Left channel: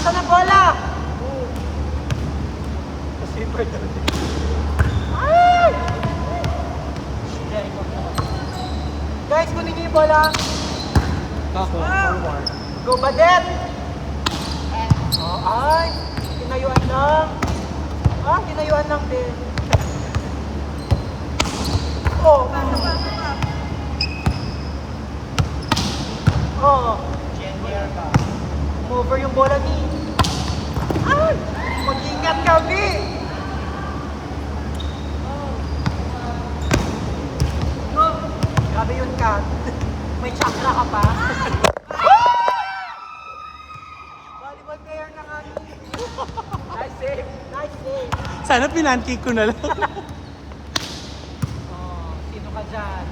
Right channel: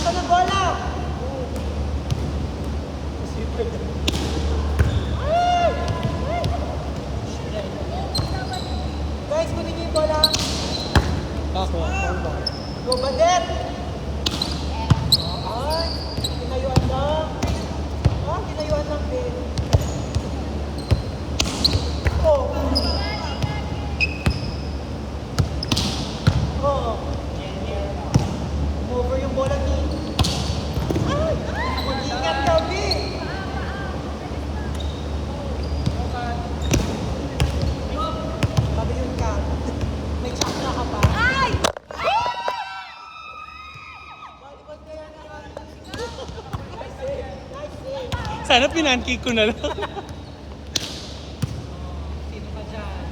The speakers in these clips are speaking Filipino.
Nasaan ang bola? Kasi pwede. Ay! Guys, kunin niyo yung bola. Ako, forward. Go, Badet! Oh, ay! Tinayuan lang. Ah, tinayuan lang din. Oh! Oh! Over yung bola ni... Ay! Mag-ingat ka, B! Sabi yun ka. May chakra ka pa. Ay! Volleyball player na nga. Nice save. Nice save. Sana pinankick ko na lang. Oh, sino ka dyan?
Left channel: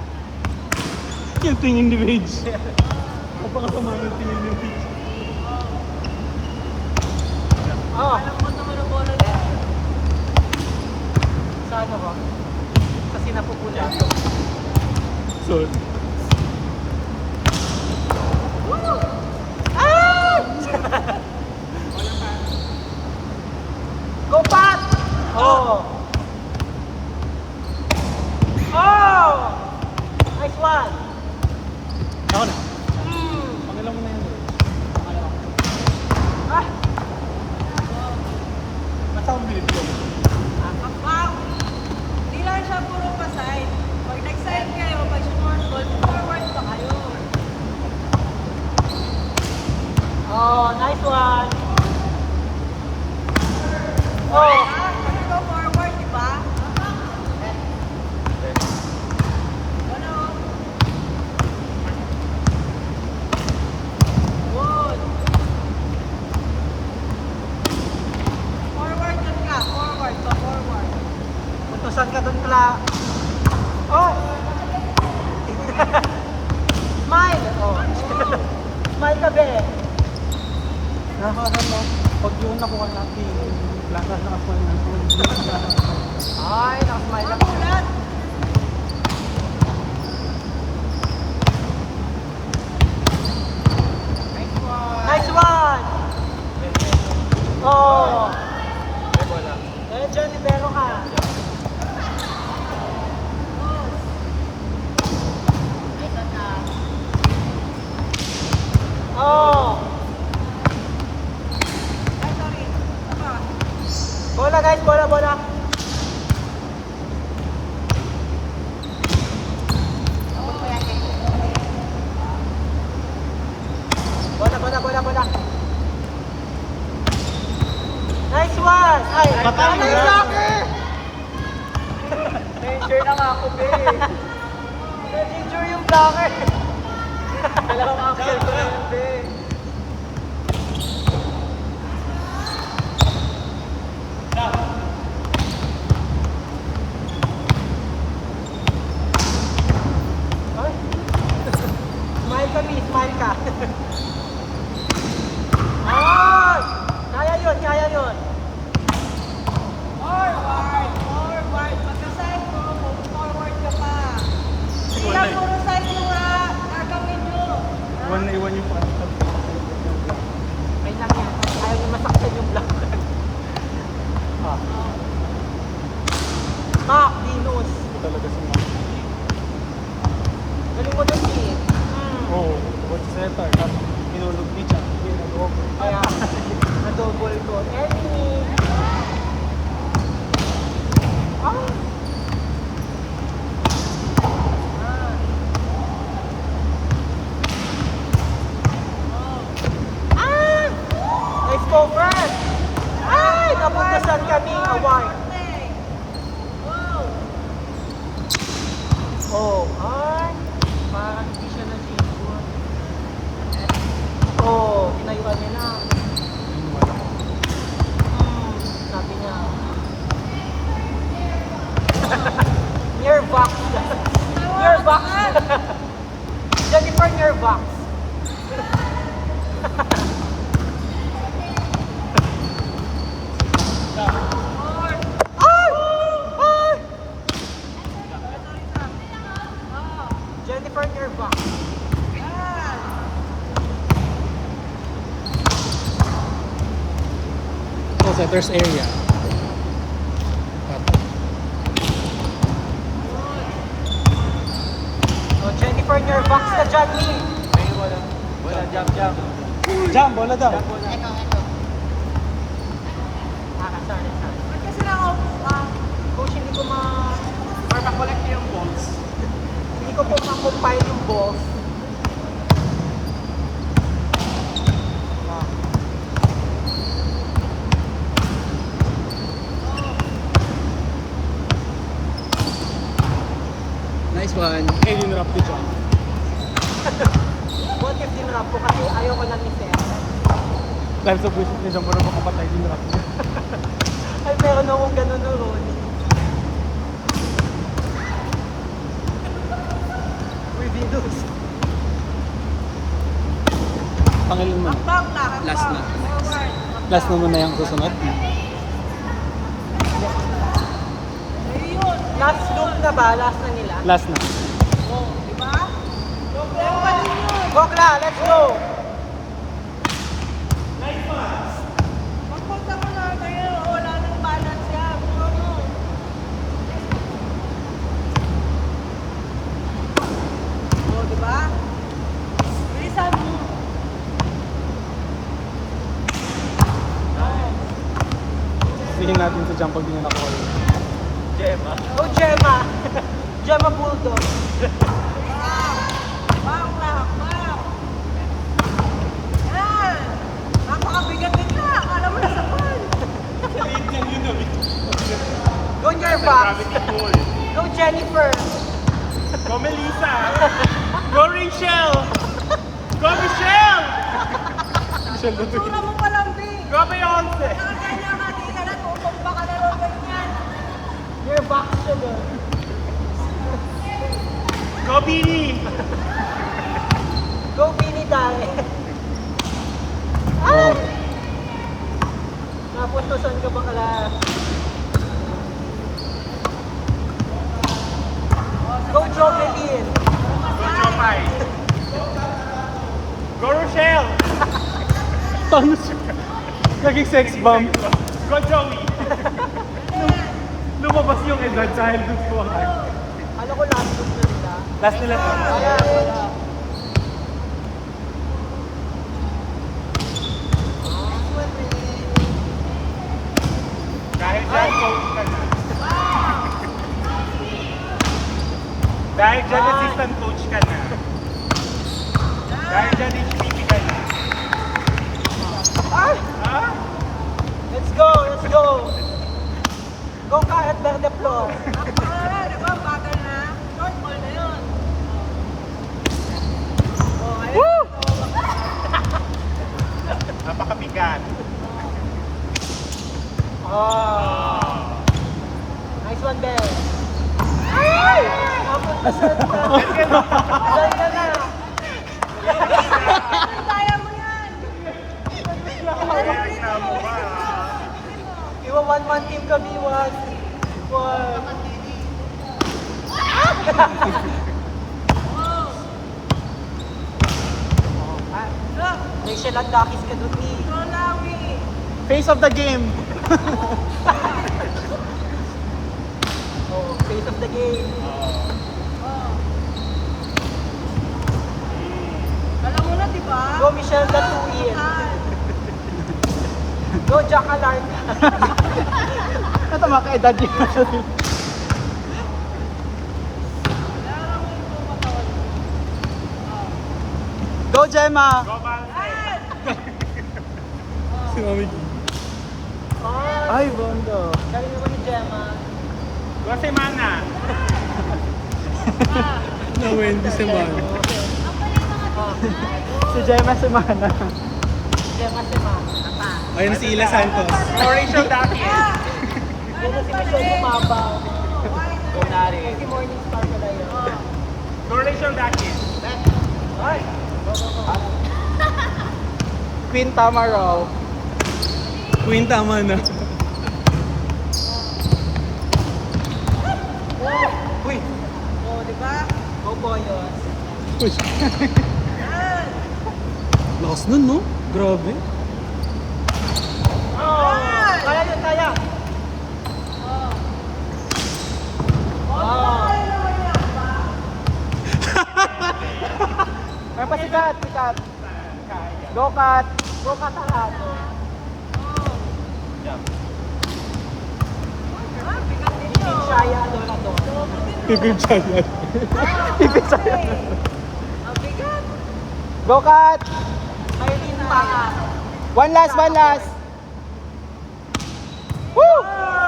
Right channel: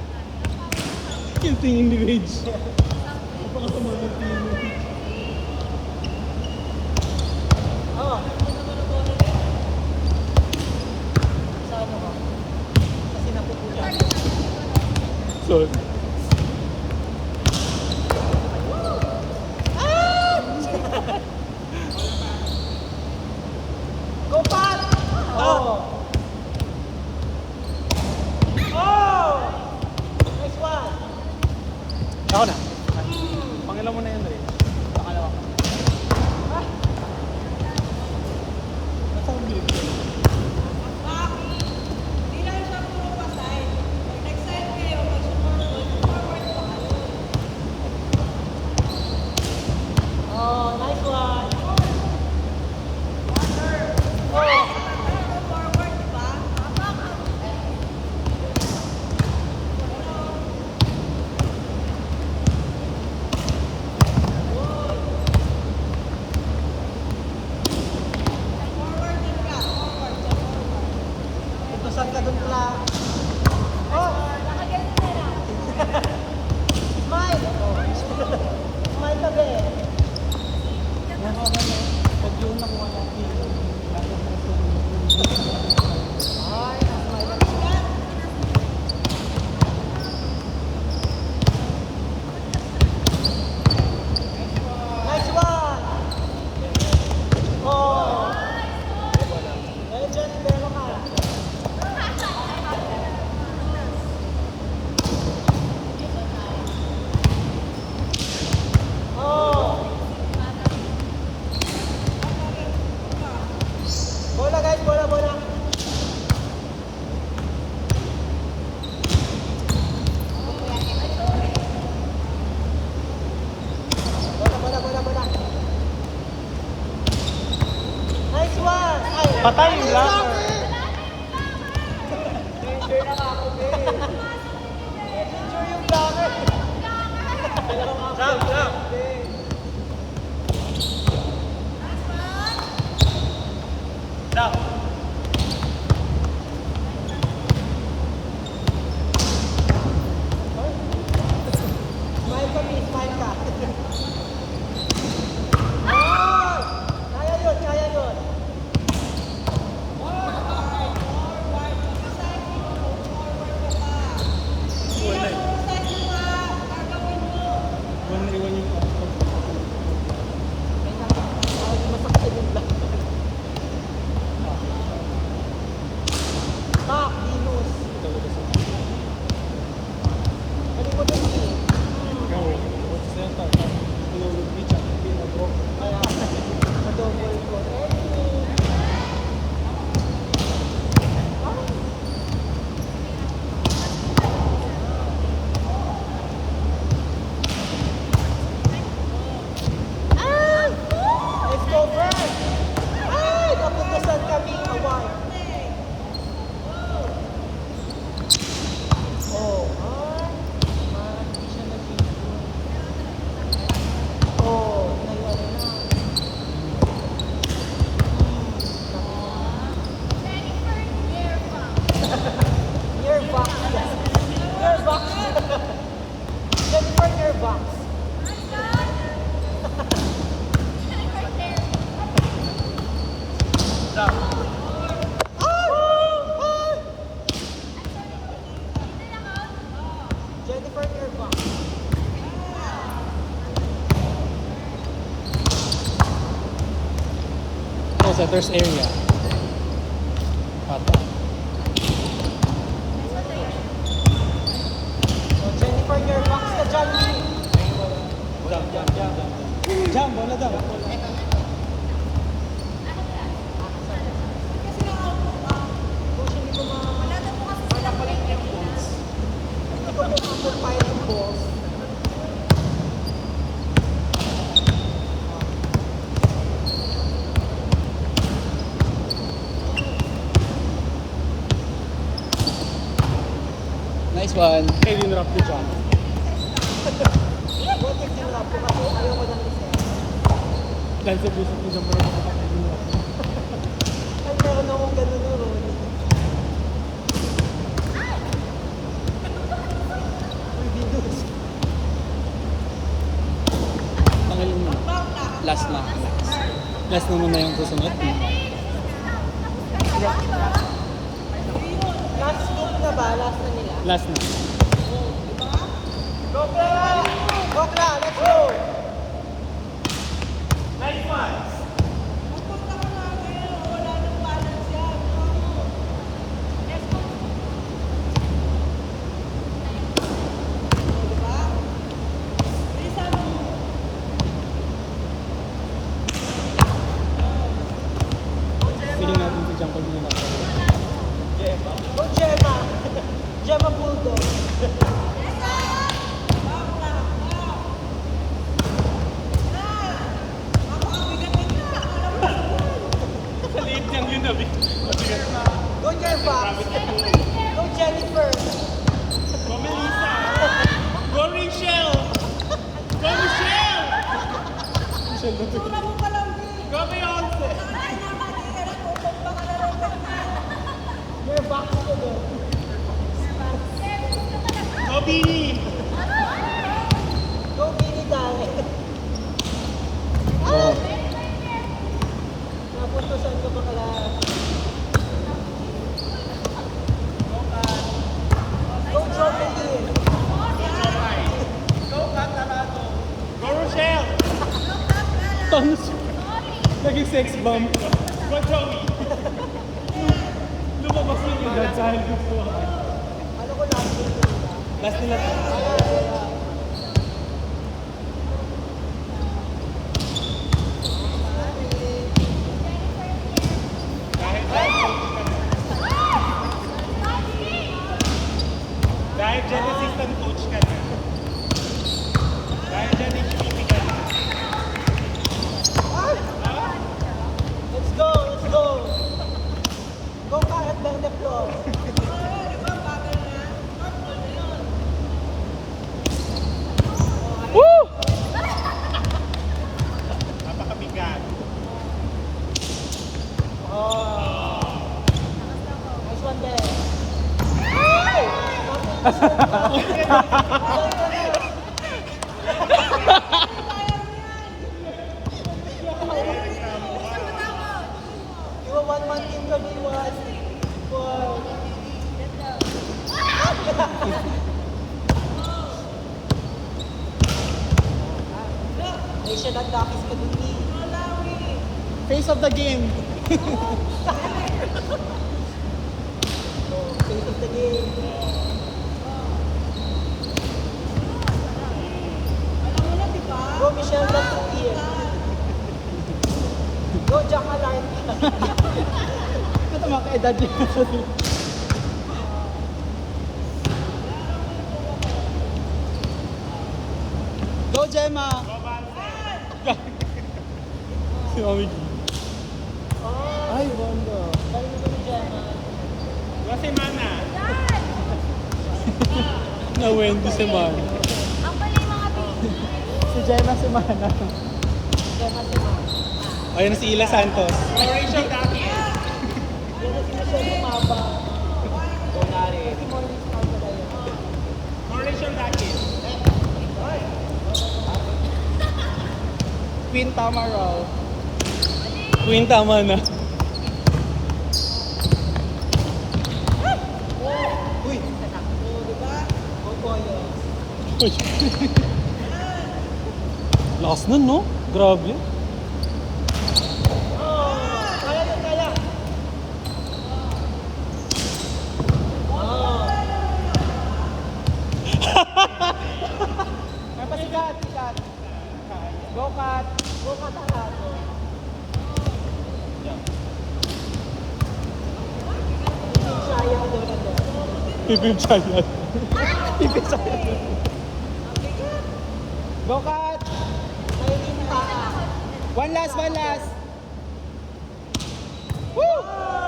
Yung tingin ni Rage. Napakasama yung tingin ni Rage. Oh. Saan ba? Kasi napupula. Sorry. Go Pat! Oh! Oh! Nice one! Ako na. Pagkala mo na yun. Ah! Nasa ang bilip ko. Oh, nice one! Oh! Utusan ka dun pala. Oh! Smile! Oh. Smile ka, be. Nakakagano. Pag yung nakuha natin yung lasa na ako ng Ay, nakasmile ako. Nice one! Oh! Medyo libero ka. Oh! Bola guys, bola, bola. Bola, bola, bola, bola. Nice one! Ay, Patay na lang. Danger na nga ako, babe. Danger yung blocker. Dalawang axel ko lang, babe. Ay. Smile ka, babe. Smile ka. Ay! Kaya yun, kaya yun. Wala eh. Iwan na iwan yung pagkakal. May nangyay. Ayaw mo masaktan yung blocker. Ah, Venus. Ito talaga sa mga. Ano mo doon, eh? Oo. Huwag sa seta. Inulog di siya. Inulog. Kaya, na-double ko. Anyway. Ah. Setter's area. Pata. Oh, Jennifer, your box na dyan. Jump, bola daw. Coach, hindi ko matakulit yung balls. Hindi ko po makumpile yung balls. Nice one. Hindi nirap ko dyan. What if sinurap ko kasi ayoko lang isa. Dahil sa busit ni Jump, marunong kapatay, nirap ko. Ay, meron akong ganun na ron. Reveals. Pangalan mo. Last na. Last naman na yung susunod. Last loop na ba? Last na nila? Last na. Go, Kla! Let's go! Tingin natin sa Jump pag hindi na nakuha. Go, Gemma! Gemma Bulldog! Go, your box! Go, Jennifer! Go Melissa! Go Rachel! Go Michelle! Michelle na to. Go Beyonce! Your box to go. Go Beanie! Go, Winnie Dare! Oh. Napunto saan ka ba kala? Go, Jocelyn! Go Rochelle! Paano siya? Naging sex bomb. Go Joey! Lumabas yung edad sa health ko. Ano ko last loop na nila? Last nila. Dahil dyan assistant coach ka na. Dahil dyan HPP ka na. Let's go, let's go! Go, Karat the floor! Woo! Napakabigat. Oh. Nice one there. Iwa 1-1 team kami, 1. May siya nagdakis ka dun eh. Face of the game. Oh, face of the game. Go, Michelle, that's 2 years. Go, Jack Alarm. Ito maka-edad yun. Go Gemma! Si Mami G. Ay, banda. Galing naman ni Gemma. Go Semana. Na Wendy Semana. Si Gemma Semana. Gemma, Gemma. Ayun si Ila Santos. Rachel Daki. Yan na si Michelle Lumaba. Si Morning Star na yun. Rachel Daki. Ay. Queen Tamaraw. Queen tama na. Uy. Oh, di ba? Go, Boyo. Lakas nun, no? Grabe. Kaya cut, cut. Go cut. Go cut ang lahat. Team Giant doon ako. Pipim Giant. Team Giant. Go cut. One last, one last. Woo!